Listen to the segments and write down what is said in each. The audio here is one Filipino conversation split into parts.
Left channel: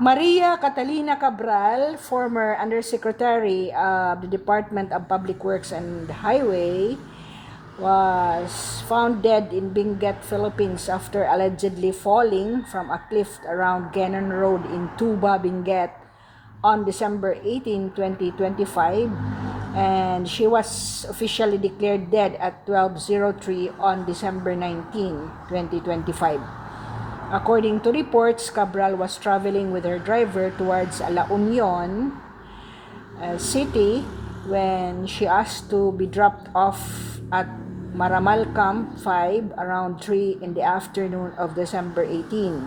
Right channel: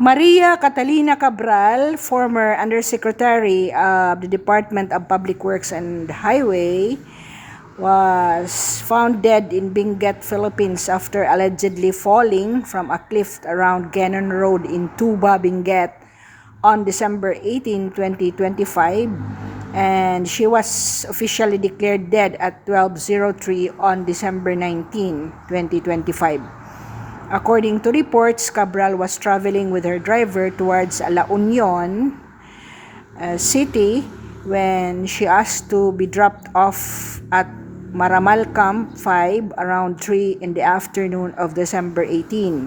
Maria Catalina Cabral, former Undersecretary of the Department of Public Works and Highway, was found dead in Benguet, Philippines after allegedly falling from a cliff around Gannon Road in Tuba, Benguet on December 18, 2025, and she was officially declared dead at 12:03 on December 19, 2025. According to reports, Cabral was traveling with her driver towards La Union City when she asked to be dropped off at Maramal Camp 5 around 3 in the afternoon of December 18.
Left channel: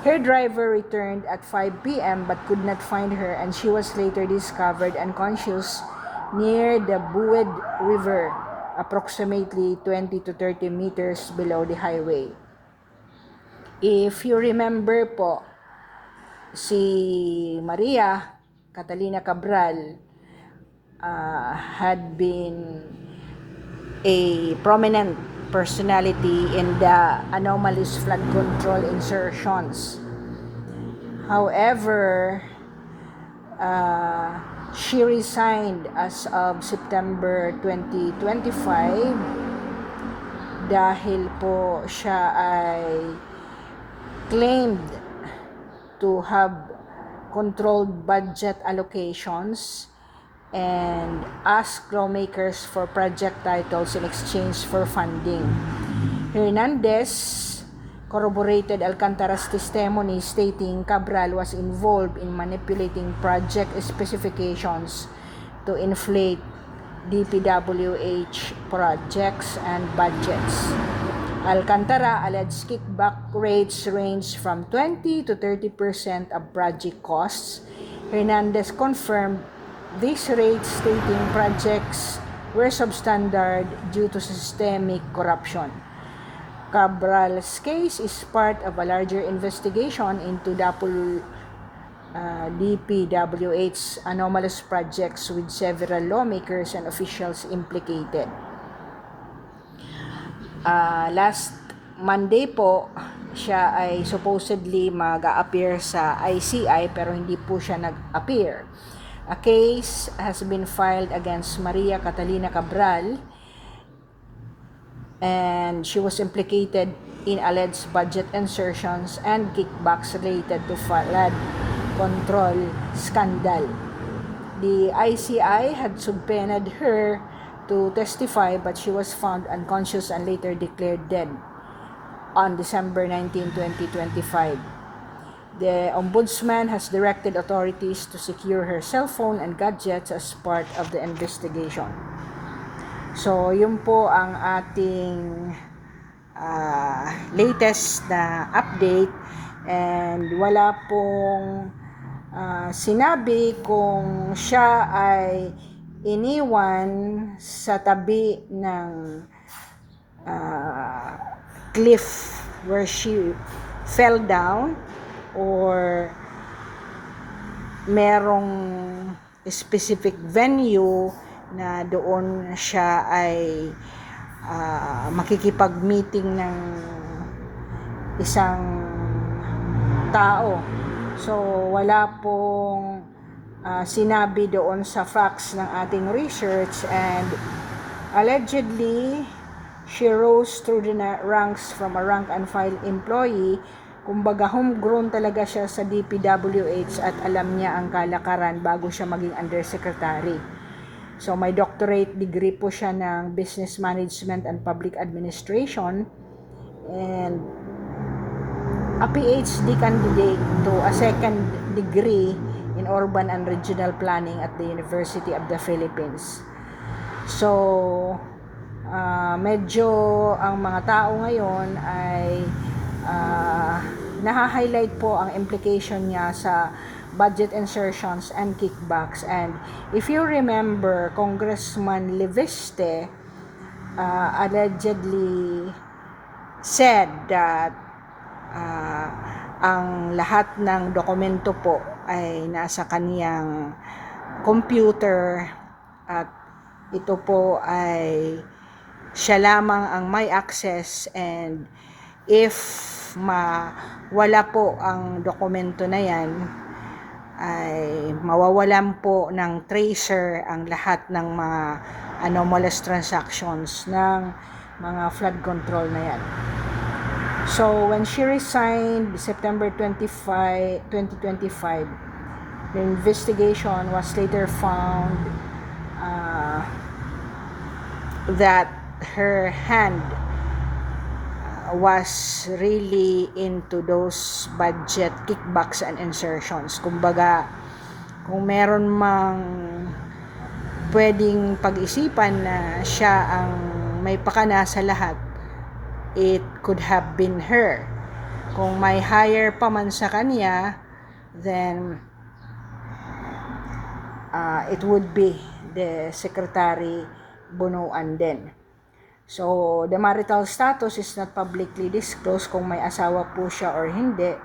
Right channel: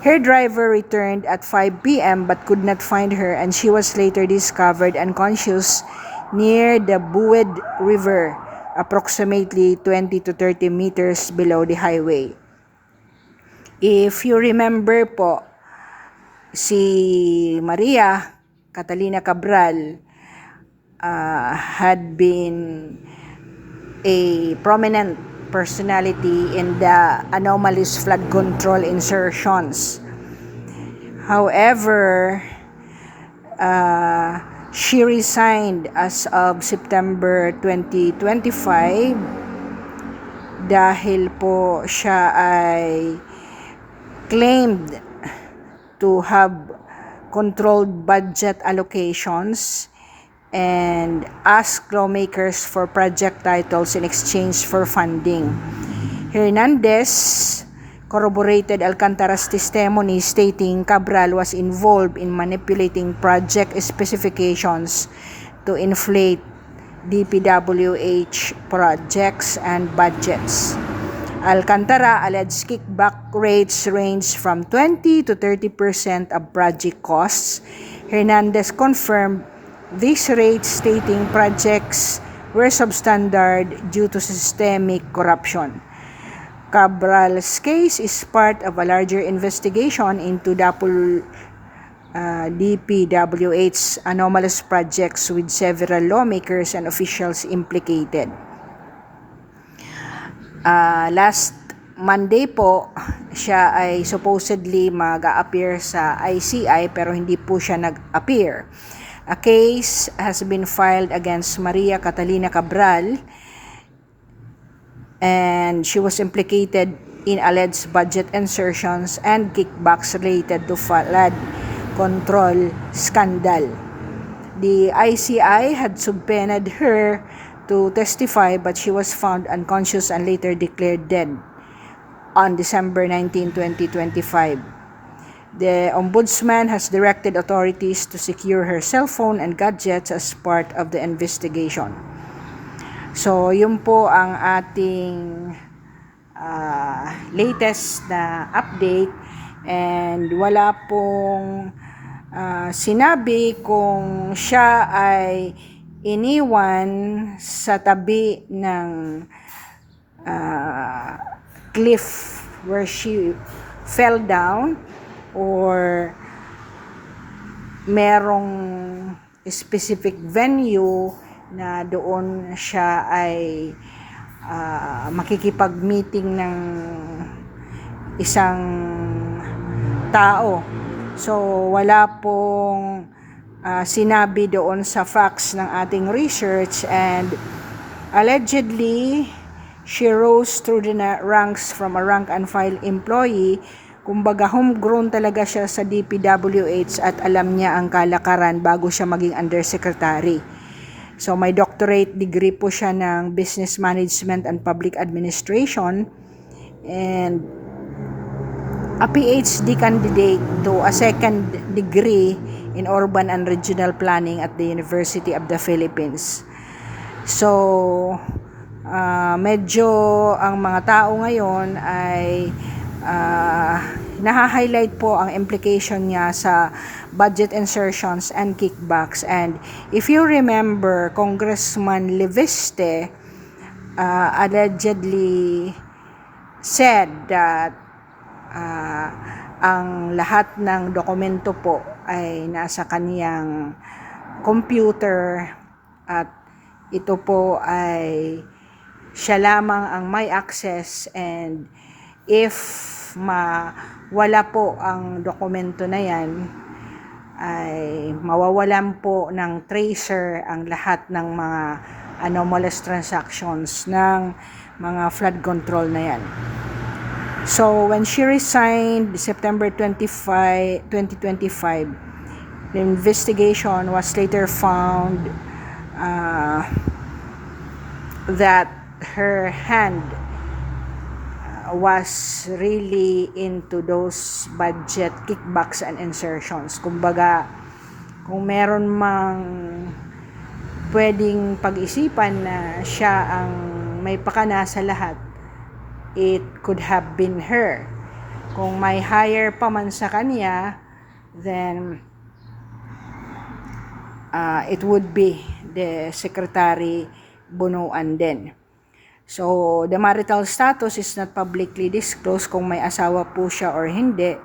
Her driver returned at 5 p.m. but could not find her, and she was later discovered unconscious near the Bued River, approximately 20 to 30 meters below the highway. If you remember po, si Maria Catalina Cabral had been a prominent personality in the anomalous flood control insertions. However, she resigned as of September 2025 dahil po siya ay claimed to have controlled budget allocations and asked lawmakers for project titles in exchange for funding. Hernandez corroborated Alcantara's testimony stating Cabral was involved in manipulating project specifications to inflate DPWH projects and budgets. Alcantara alleged kickback rates range from 20 to 30% of project costs. Hernandez confirmed these rates, stating projects were substandard due to systemic corruption. Cabral's case is part of a larger investigation into DPWH's anomalous projects with several lawmakers and officials implicated. Last Monday po, siya ay supposedly mag-a-appear sa ICI pero hindi po siya nag-appear. A case has been filed against Maria Catalina Cabral and she was implicated in alleged budget insertions and kickbacks related to flood control scandal. The ICI had subpoenaed her to testify, but she was found unconscious and later declared dead on December 19, 2025. The Ombudsman has directed authorities to secure her cell phone and gadgets as part of the investigation. So, yun po ang ating latest na update, and wala pong sinabi kung siya ay iniwan sa tabi ng cliff where she fell down or merong specific venue na doon siya ay makikipag-meeting ng isang tao. So, wala pong sinabi doon sa facts ng ating research, and allegedly she rose through the ranks from a rank and file employee. Kumbaga homegrown talaga siya sa DPWH at alam niya ang kalakaran bago siya maging undersecretary. So may doctorate degree po siya ng Business Management and Public Administration and a PhD candidate to a second degree in Urban and Regional Planning at the University of the Philippines. So, medyo ang mga tao ngayon ay naha-highlight po ang implication niya sa budget insertions and kickbacks. And if you remember, Congressman Leviste allegedly said that ang lahat ng dokumento po ay nasa kaniyang computer at ito po ay siya lamang ang may access, and if mawala po ang dokumento na yan, ay mawawalan po ng tracer ang lahat ng mga anomalous transactions ng mga flood control na yan. So, when she resigned September 25, 2025, the investigation was later found that her hand was really into those budget kickbacks and insertions. Kumbaga, kung meron mang pwedeng pag-isipan na siya ang may pakana sa lahat, it could have been her. Kung may hire pa man sa kanya, then it would be the Secretary Bunuan din. So, the marital status is not publicly disclosed kung may asawa po siya or hindi.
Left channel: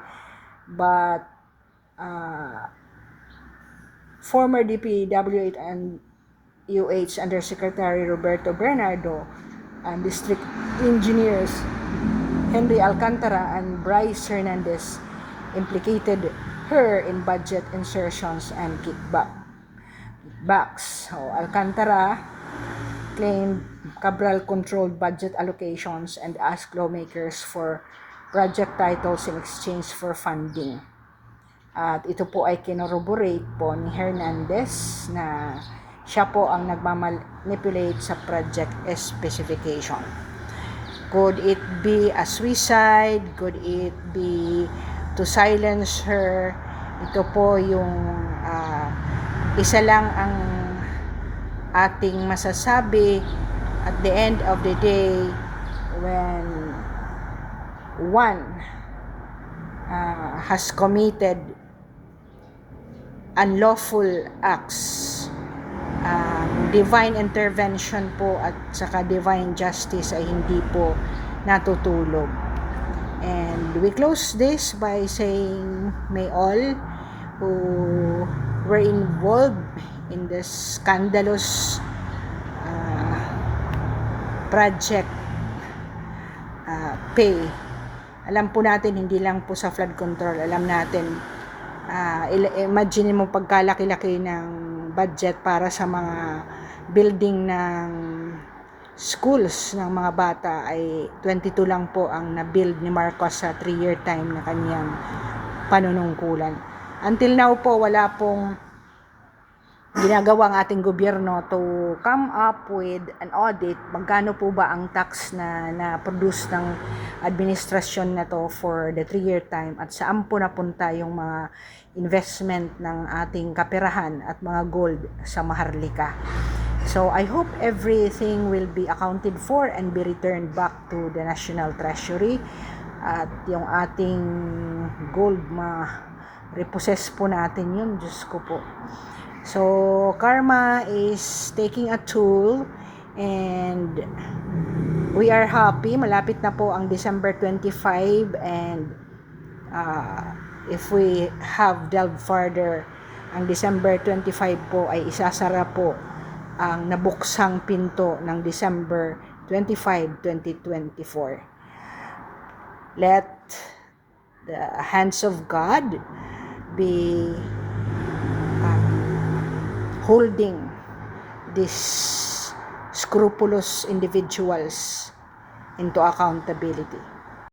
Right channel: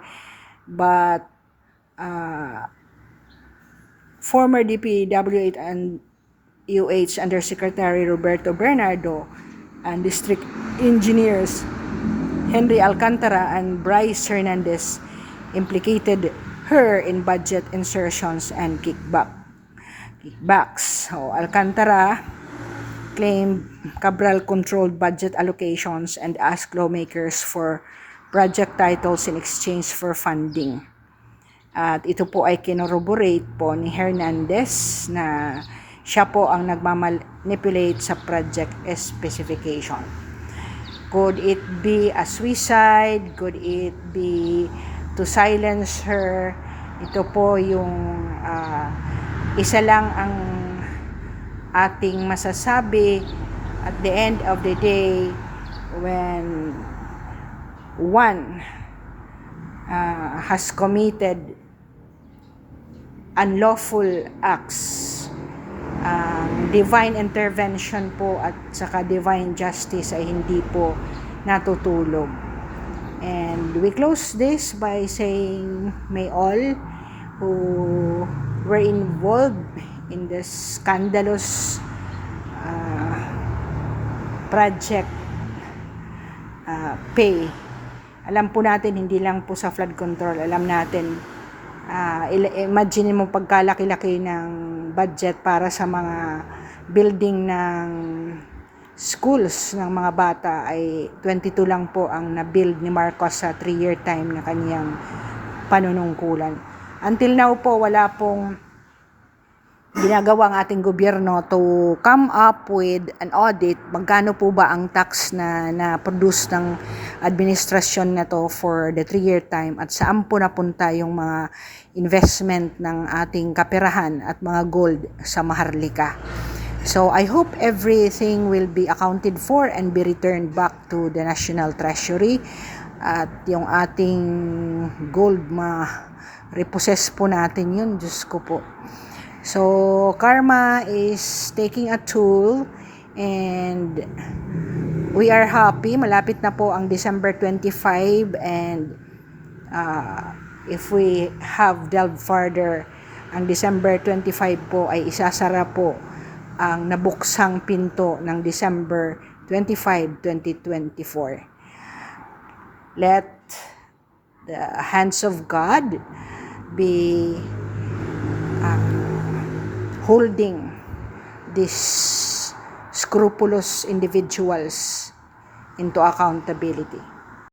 But, former DPWH and UH Undersecretary Roberto Bernardo and District Engineers Henry Alcantara and Bryce Hernandez implicated her in budget insertions and kickbacks. So, Alcantara claimed Cabral controlled budget allocations and asked lawmakers for project titles in exchange for funding. At ito po ay kinorroborate po ni Hernandez na siya po ang nagmamanipulate sa project specification. Could it be a suicide? Could it be to silence her? Ito po yung isa lang ang ating masasabi. At the end of the day, when one has committed unlawful acts, divine intervention po at saka divine justice ay hindi po natutulog. And we close this by saying, may all who were involved in this scandalous project pay. Alam po natin, hindi lang po sa flood control, alam natin, imagine mo pagkalaki-laki ng budget para sa mga building ng schools ng mga bata, ay 22 lang po ang na-build ni Marcos sa 3-year time na kaniyang panunungkulan. Until now po, wala pong ginagawa ang ating gobyerno to come up with an audit. Magkano po ba ang tax na produce ng administrasyon na to for the 3-year time, at saan po napunta yung mga investment ng ating kaperahan at mga gold sa Maharlika. So I hope everything will be accounted for and be returned back to the National Treasury, at yung ating gold repossess po natin yun, Diyos ko po. So, karma is taking a toll, and we are happy. Malapit na po ang December 25, and if we have delved further, ang December 25 po ay isasara po ang nabuksang pinto ng December 25, 2024. Let the hands of God be holding these scrupulous individuals into accountability.